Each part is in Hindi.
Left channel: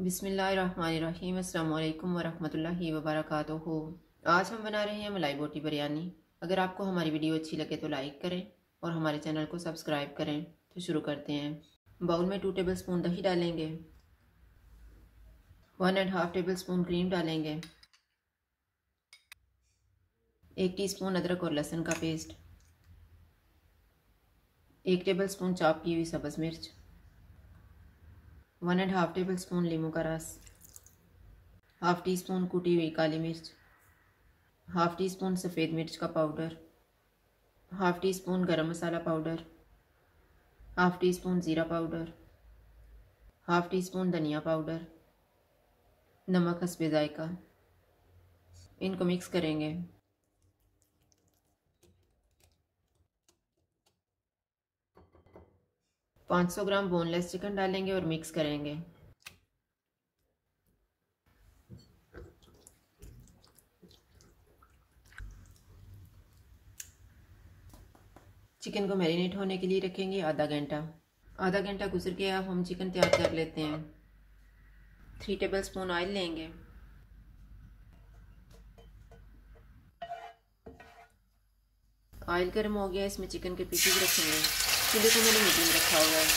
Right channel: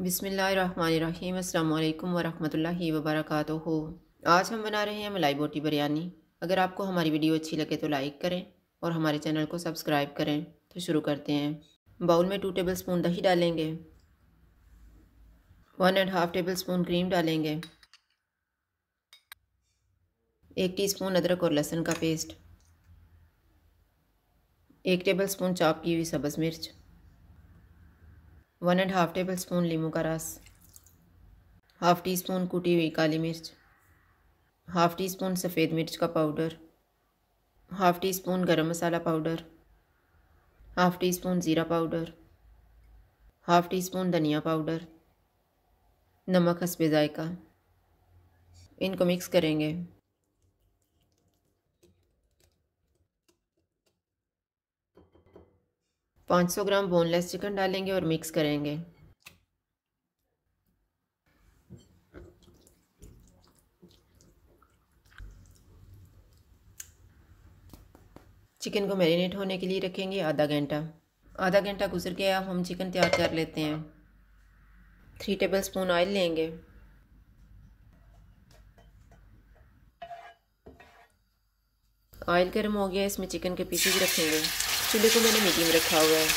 बिस्मिल्लाहिर्रहमानिर्रहीम। अस्सलाम वालेकुम वरहमतुल्लाहि वबरकातुहू। आज हम बना रहे हैं मलाई बोटी बिरयानी। अगर आपको हमारी वीडियो अच्छी लगे तो लाइक करें और हमारे चैनल को सब्सक्राइब करें। तो शुरू करते हैं। बाउल में 2 टेबल स्पून दही डालेंगे, 1.5 टेबल स्पून क्रीम डालेंगे, 1 टीस्पून अदरक और लहसुन का पेस्ट, 1 टेबल स्पून चॉप की हुई सब्ज़ मिर्च, 1.5 टेबल स्पून नींबू का रस, हाफ़ टी स्पून कुटी हुई काली मिर्च, हाफ़ टी स्पून सफ़ेद मिर्च का पाउडर, हाफ़ टी स्पून गरम masala powder, half tea spoon ज़ीरा पाउडर, हाफ़ टी स्पून धनिया पाउडर, नमक हस्बे ज़ायका। इनको मिक्स करेंगे। 500 ग्राम बोनलेस चिकन डालेंगे और मिक्स करेंगे। चिकन को मैरिनेट होने के लिए रखेंगे आधा घंटा गुजर गया। हम चिकन तैयार कर लेते हैं। 3 टेबल स्पून ऑयल लेंगे। ऑयल गर्म हो गया, इसमें चिकन के पीसेस रखेंगे। चूल्हे को मैंने मीडियम रखा हुआ है।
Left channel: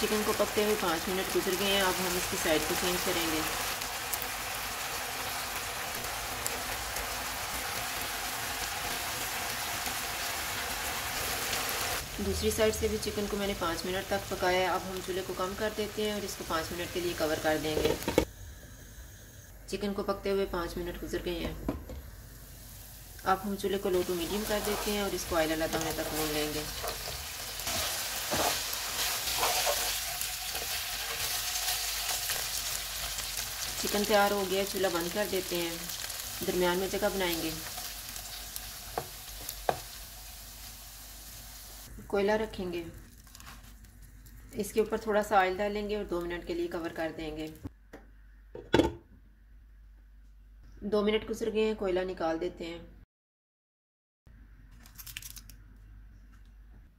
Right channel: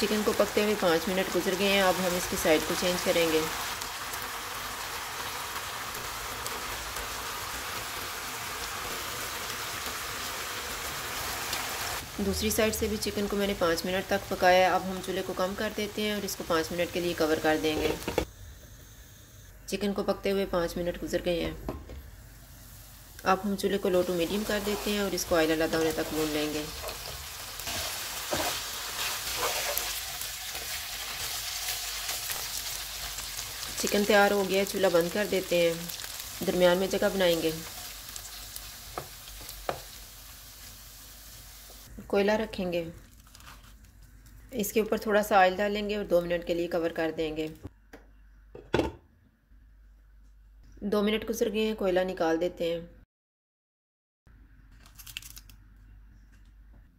चिकन को पकते हुए 5 मिनट गुजर गए हैं। अब हम इसकी साइड को चेंज करेंगे। दूसरी साइड से भी चिकन को मैंने 5 मिनट तक पकाया। अब हम चूल्हे को कम कर देते हैं और इसको 5 मिनट के लिए कवर कर देंगे। चिकन को पकते हुए 5 मिनट गुजर गए हैं। अब हम चूल्हे को लो टू मीडियम कर देते हैं और इसको ऑयल अलग होने तक भून लेंगे। चिकन तैयार हो गया, चूल्हा बंद कर देते हैं। दरमियान में जगह बनाएंगे। कोयला रखेंगे, इसके ऊपर थोड़ा सा ऑयल डालेंगे और 2 मिनट के लिए कवर कर देंगे। 2 मिनट गुजर गए हैं, कोयला निकाल देते हैं।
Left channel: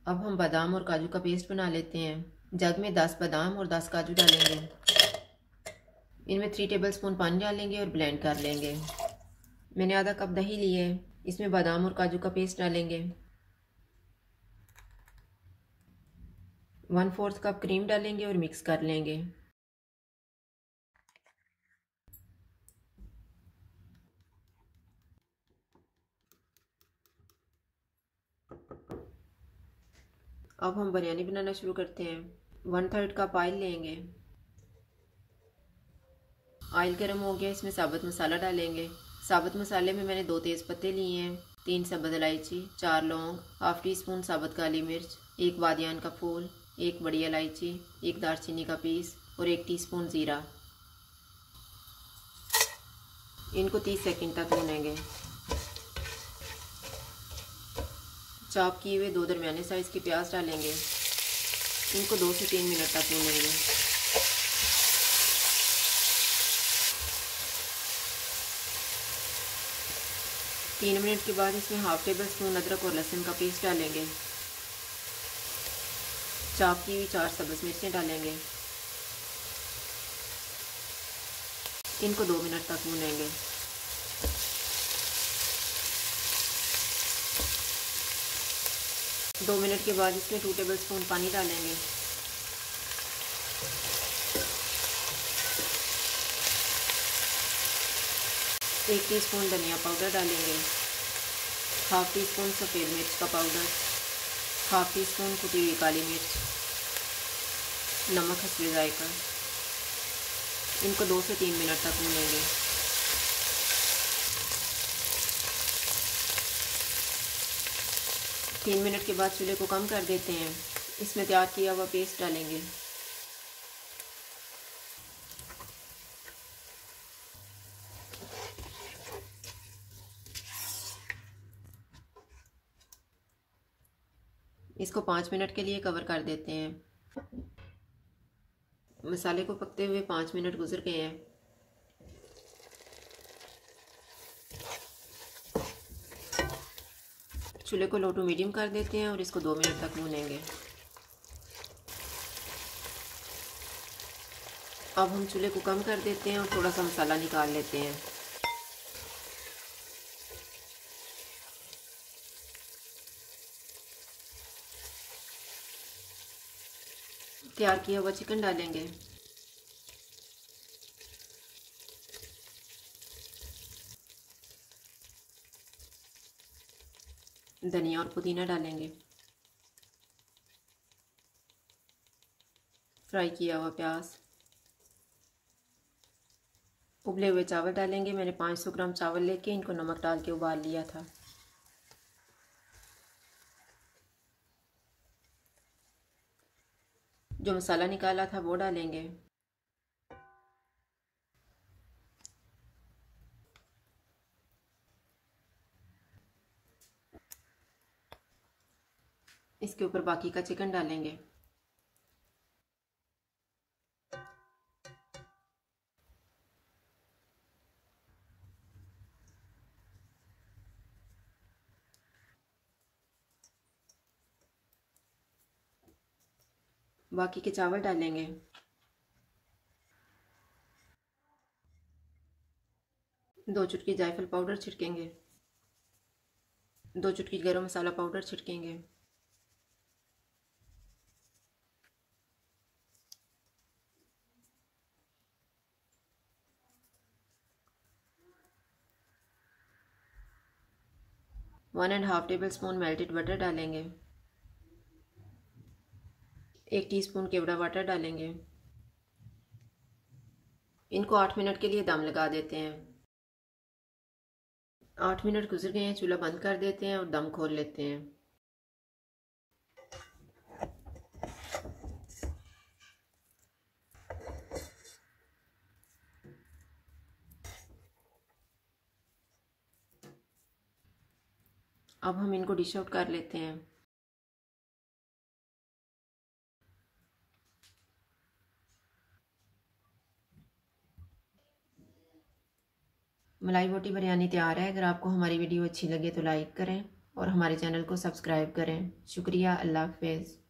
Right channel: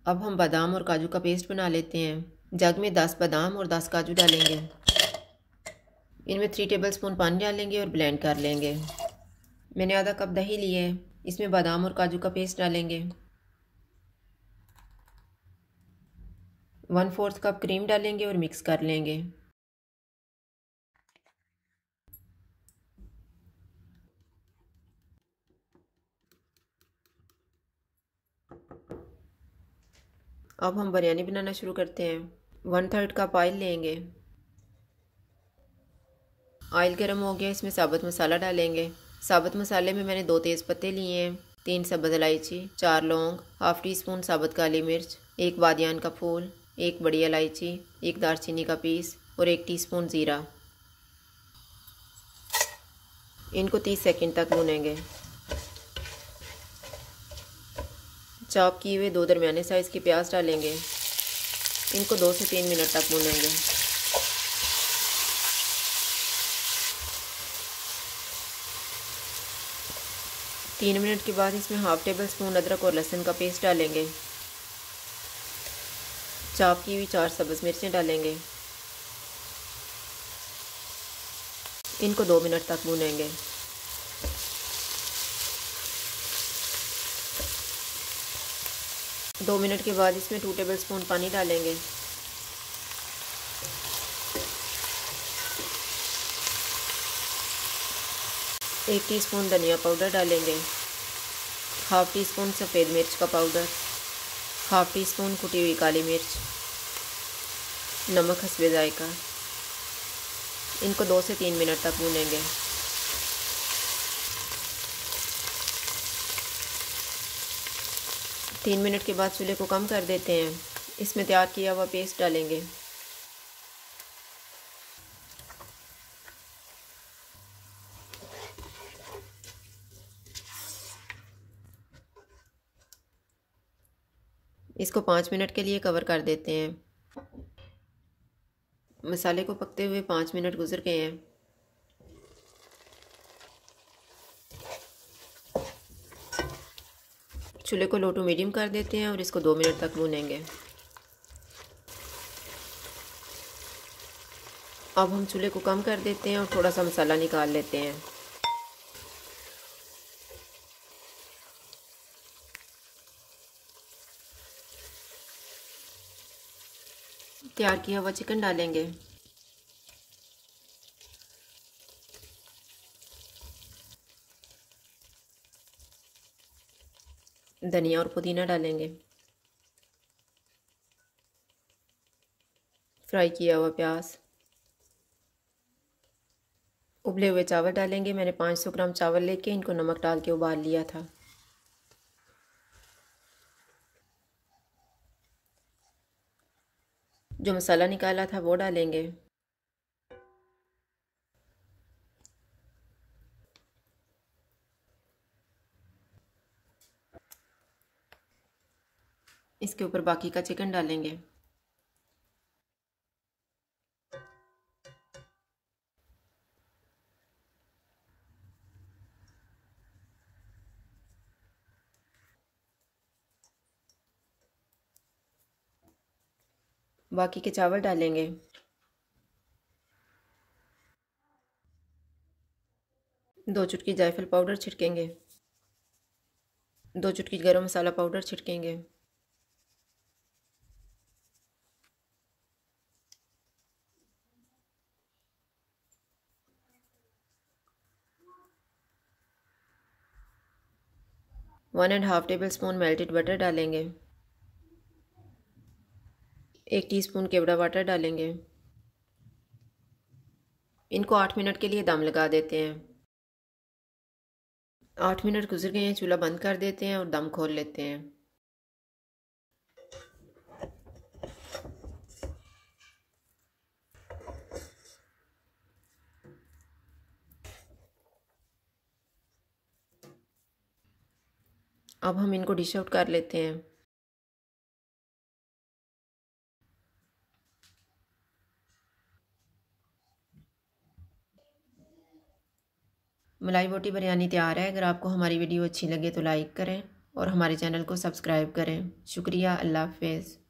अब हम बादाम और काजू का पेस्ट बना लेते हैं। जग में 10 बादाम और 10 काजू डालेंगे। इनमें 3 टेबल स्पून पानी डालेंगे और ब्लेंड कर लेंगे। मैंने आधा कप दही लिए है, इसमें बादाम और काजू का पेस्ट डालेंगे। 1/4 कप क्रीम डालेंगे और मिक्स कर लेंगे। अब हम बिरयानी बनाना शुरू करते हैं। 1/3 कप ऑयल लेंगे। ऑयल गर्म हो गया, इसमें साबुत मसाला डालेंगे। साबुत मसाले में मैंने 2 तेज़ पत्ते लिए हैं, 3 सब्ज़ इलायची, 4 लौंग, हाफ़ टी स्पून साबुत काली मिर्च, 1 बादियान का फूल, 1 बड़ी इलायची, 1 दालचीनी का पीस और 1 टीस्पून ज़ीरा। इनको 30 सेकंड तक भूनेंगे। चॉप किए हुए 2 दरमियाने साइज़ के प्याज डालेंगे। इनको 2 से 3 मिनट तक भूनेंगे। तीन मिनट के बाद इसमें हाफ़ टेबल स्पून अदरक और लहसुन का पेस्ट डालेंगे। चॉप की हुई 4 सब्ज़ मिर्चें डालेंगे। इनको 2 मिनट तक भूनेंगे। दो मिनट के बाद इसमें 2 टेबल स्पून पानी डालेंगे। एक टीस्पून धनिया पाउडर डालेंगे। हाफ़ टी स्पून सफ़ेद मिर्च का पाउडर, हाफ़ टी स्पून कुटी हुई काली मिर्च, नमक हस्बे ज़ायका। इनको 2 से 3 मिनट तक भूनेंगे। तीन मिनट के बाद चूल्हे को कम कर देते हैं। इसमें तैयार किया हुआ पेस्ट डालेंगे। इसको 5 मिनट के लिए कवर कर देते हैं। मसाले को पकते हुए 5 मिनट गुजर गए हैं। चूल्हे को लो टू मीडियम कर देते हैं और इसको 2 मिनट तक भूनेंगे। अब हम चूल्हे को कम कर देते हैं और थोड़ा सा मसाला निकाल लेते हैं। तैयार किया हुआ चिकन डालेंगे। धनिया और पुदीना डालेंगे। फ्राई किया हुआ प्याज, उबले हुए चावल डालेंगे। मैंने 500 ग्राम चावल लेके इनको नमक डाल के उबाल लिया था। जो मसाला निकाला था वो डालेंगे। इसके ऊपर बाकी का चिकन डालेंगे। बाकी के चावल डालेंगे। दो चुटकी जायफल पाउडर छिड़केंगे। 2 चुटकी गरम मसाला पाउडर छिड़केंगे। One and half tablespoon melted butter डालेंगे। 1 टीस्पून केवड़ा वाटर डालेंगे। इनको 8 मिनट के लिए दम लगा देते हैं। 8 मिनट गुजर गए हैं, चूल्हा बंद कर देते हैं और दम खोल लेते हैं। अब हम इनको डिश आउट कर लेते हैं। मलाई बोटी बिरयानी तैयार है। अगर आपको हमारी वीडियो अच्छी लगे तो लाइक करें और हमारे चैनल को सब्सक्राइब करें। शुक्रिया। अल्लाह हाफ़िज़।